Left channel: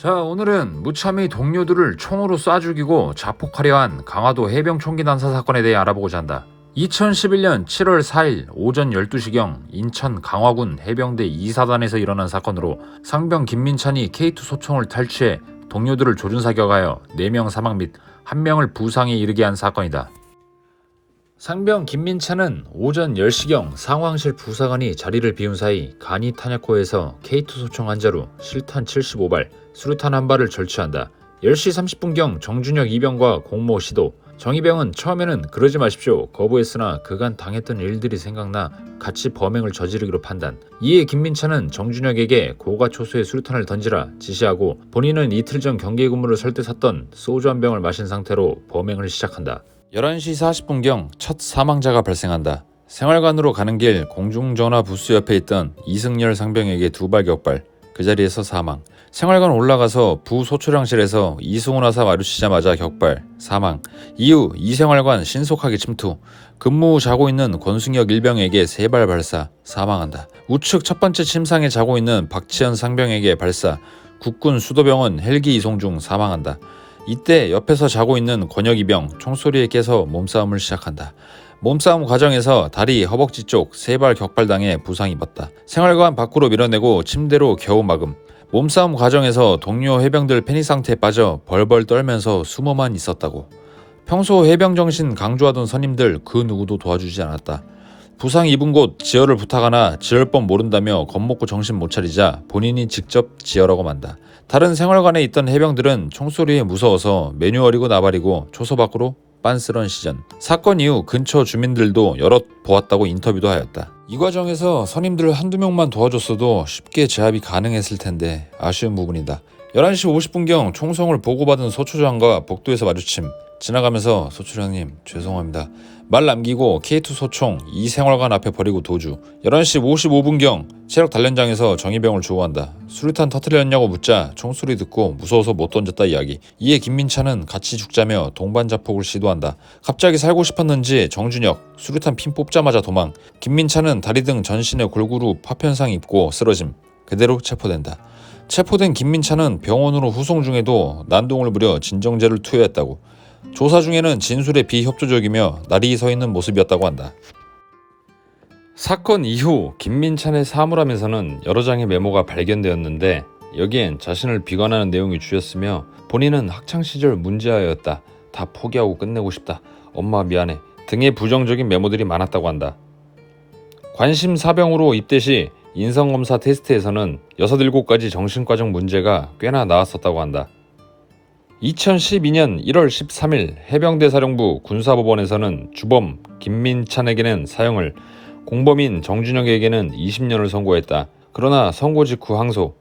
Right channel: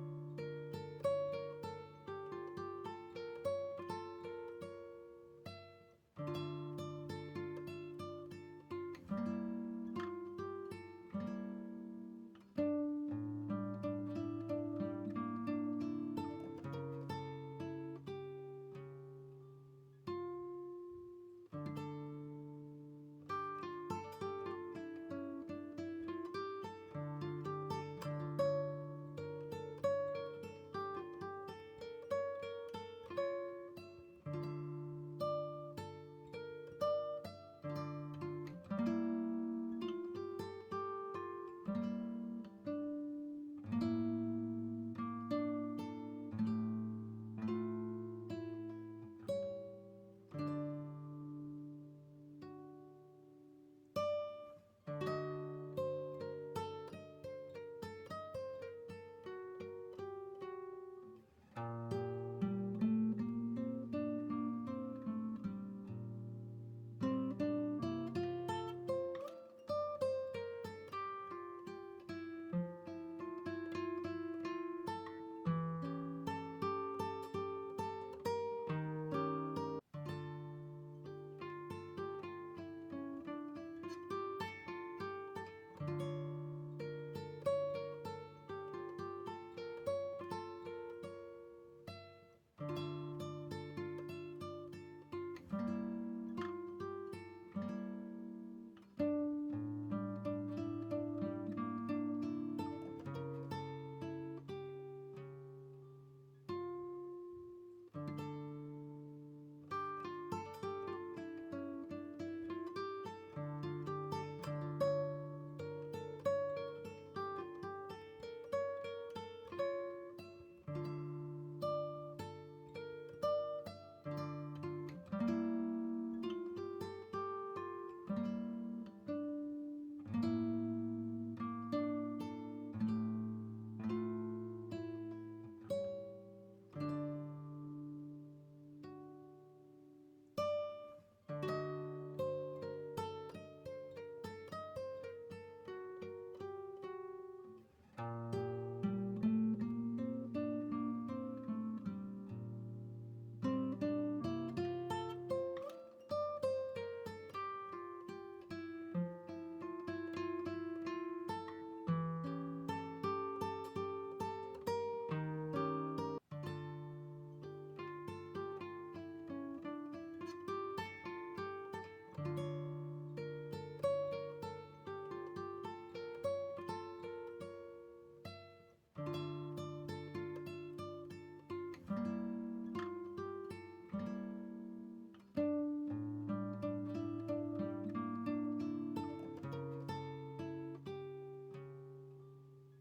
자, 오늘은 무참히 동료들을 총으로 쏴 죽이고 자폭하려 한 강화도 해병 총기 난사 사건에 대해 알아보고자 한다. 2011년 7월 4일 오전 12시경 인천 강화군 해병대 2사단에서 일어난 사건으로 상병 김민찬이 K2 소총을 탈취해 동료들을 조준사격하여 4명 사망 및 1명을 부상에 이르게 한 사건이다. 상병 김민찬은 오전 10시경 상황실 부사관이 자리를 비운 사이 간이 탄약고에서 K2 소총 한 자루, 실탄 75발, 수류탄 한 발을 절취한다. 10시 30분경 정준혁 이병과 공모 시도. 정이병은 처음에는 그러지 마십시오 거부했으나 그간 당했던 일들이 생각나 같이 범행을 저지르기로 판단. 이에 김민찬은 정준혁에게 고가 초수의 수류탄을 던지라 지시하고 본인은 이틀 전 경계 근무를 설 때 샀던 소주 한 병을 마신 상태로 범행을 시작한다. 11시 40분경 첫 사망자가 발생한다. 생활관으로 가는 길 공중전화 부스 옆에 있던 이승열 상병에게 2발 격발, 그 자리에서 사망. 생활관 올라가서 부소초량실에서 이승훈 하사 마주치자마자 격발, 사망. 이후 이생활관 신속하게 침투. 근무 후 자고 있는 권승혁 일병에게 3발 발사, 사망한다. 우측 첫 번째 침상에 자고 있는 박치현 상병에게 발사. 국군 수도병원 헬기 이송 중 사망한다. 이때 옆에서 자고 있는 권혁 이병 총소리에 깨서 몸싸움을 시작한다. 몸싸움 과정에서 다리, 허벅지 쪽 3발 격발당해 부상 입었다. 생활관 밖으로 밀어내고 침대로 겨우 막음. 몸싸움 과정에서 동료 해병들 패닉 상태에 빠져 벌벌 떨면서 숨어만 있었다고. 평소 해병 정신 강조하던 선임들 그 누구도 도와주지 않았다. 부상 입은 곳 지혈을 부탁하나 지혈 법 모른다며 겁먹고 정신 못 차리자 본인이 직접 지혈하고 만다. 다른 생활관에 있던 해병들은 총소리에 무서워서 매뉴얼이고 나발이고 초소 밖으로 빤스런 시전. 사건 이후 근처 주민들도 여럿 보았다고 인터뷰도 하였다. 이 과정에서 선임들 한두 명만 도와줬어도 쉽게 제압이 가능했을 텐데 아쉬운 부분이다. 11시 50분경 총성을 보고받은 소초장과 복도에서 마주침. 지나가면서 소초장님 죄송합니다 말 남기고 K2 소총 이생활관 앞에 버리고 도주. 11시 55분경 체력 단련장에서 정의병을 조우한다. 수류탄 터뜨렸냐고 묻자 총소리 듣고 무서워서 못 던졌다 이야기. 이에 김민찬은 같이 죽자며 동반 자폭을 시도한다. 갑자기 살고 싶었는지 정준혁 수류탄 핀 뽑자마자 도망. 김민찬은 다리 등 전신에 골고루 파편상 입고 쓰러짐. 그대로 체포된다. 체포된 김민찬은 병원으로 후송 중에도 난동을 부려 진정제를 투여했다고. 조사 중에는 진술에 비협조적이며 날이 서 있는 모습이었다고 한다. 사건 이후 김민찬의 사물함에서는 여러 장의 메모가 발견되었는데 여기엔 자신을 비관하는 내용이 주였으며 본인은 학창시절 문제아였다. 다 포기하고 끝내고 싶다. 엄마 미안해 등의 부정적인 메모들이 많았다고 한다. 관심 사병으로 입대 시 인성검사 테스트에서는 6-7가지 정신과적 문제가 꽤나 나왔었다고 한다. 2012년 1월 13일 해병대 사령부 군사법원에서는 주범 김민찬에게는 사형을, 공범인 정준혁에게는 20년을 선고했다. 그러나 선고 직후 항소.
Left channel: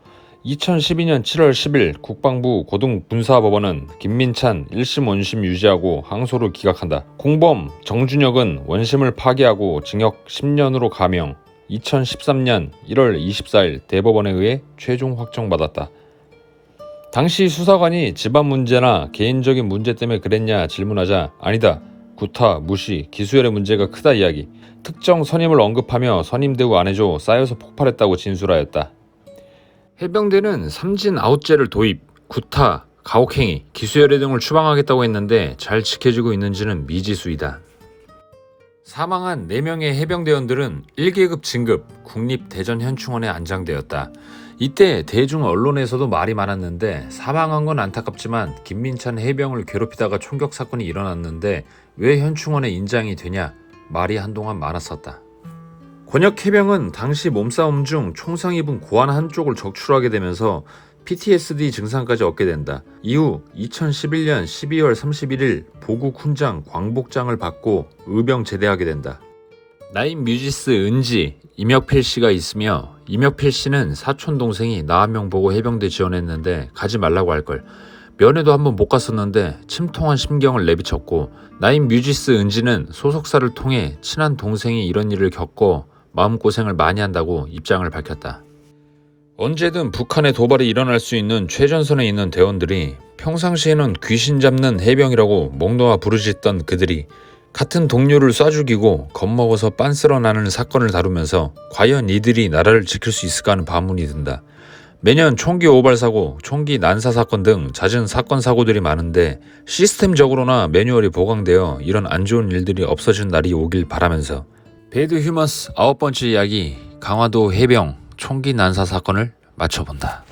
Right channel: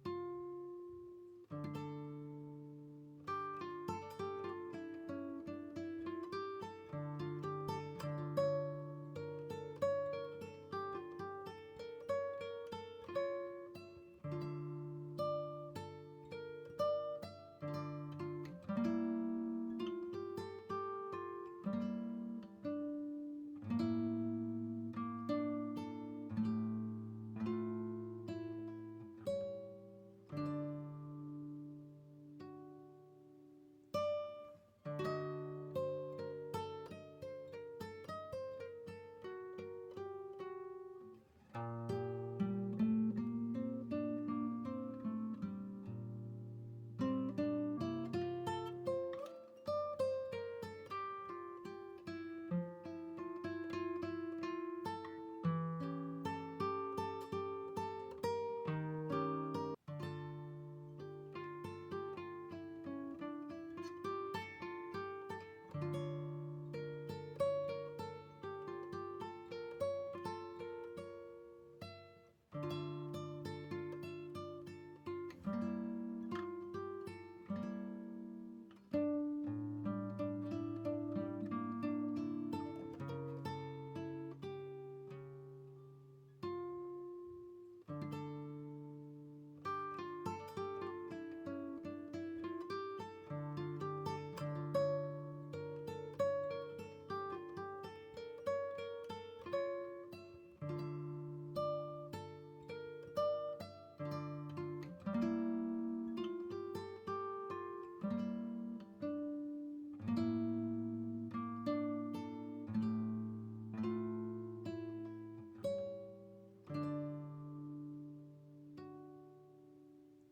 2012년 7월 10일 국방부 고등군사법원은 김민찬 1심 원심 유지하고 항소를 기각한다. 공범 정준혁은 원심을 파기하고 징역 10년으로 감형. 2013년 1월 24일 대법원에 의해 최종 확정받았다. 당시 수사관이 집안 문제나 개인적인 문제 때문에 그랬냐 질문하자 아니다. 구타, 무시, 기수열의 문제가 크다 이야기. 특정 선임을 언급하며 선임 대우 안 해줘 쌓여서 폭발했다고 진술하였다. 해병대는 삼진 아웃제를 도입, 구타, 가혹행위, 기수열애 등을 추방하겠다고 했는데 잘 지켜지고 있는지는 미지수이다. 사망한 4명의 해병대원들은 1계급 진급 국립대전현충원에 안장되었다. 이때 대중 언론에서도 말이 많았는데 사망한 건 안타깝지만 김민찬 해병을 괴롭히다가 총격 사건이 일어났는데 왜 현충원에 인장이 되냐 말이 한동안 많았었다. 권혁 해병은 당시 몸싸움 중 총상 입은 고환 한쪽을 적출하게 되면서 PTSD 증상까지 얻게 된다. 이후 2011년 12월 31일 보국 훈장 광복장을 받고 의병 제대하게 된다. 나인 뮤지스 은지, 임혁필 씨가 있으며 임혁필 씨는 사촌 동생이 나 한 명 보고 해병대 지원했는데 가지 말라고 할걸. 면회도 한번 못 갔었는데 침통한 심경을 내비쳤고 나인 뮤지스 은지는 소속사를 통해 친한 동생이 이런 일을 겪고 마음고생을 많이 한다고 입장을 밝혔다. 언제든 북한의 도발이 일어날 수 있는 최전선에 있는 대원들이 평상시에는 귀신 잡는 해병이라고 목 놓아 부르짖던 그들이 같은 동료를 쏴 죽이고 겁먹어서 빤스러 나는 사건을 다루면서 과연 이들이 나라를 지킬 수 있을까 하는 반문이 든다. 매년 총기 오발 사고, 총기 난사 사건 등 잦은 사건 사고들이 많은데 시스템적으로나 매뉴얼이 보강되어 이런 안 좋은 일들이 없어진 날이 오길 바라면서 배드 휴먼스 9번째 이야기, 강화도 해병 총기 난사 사건을 마쳐본다.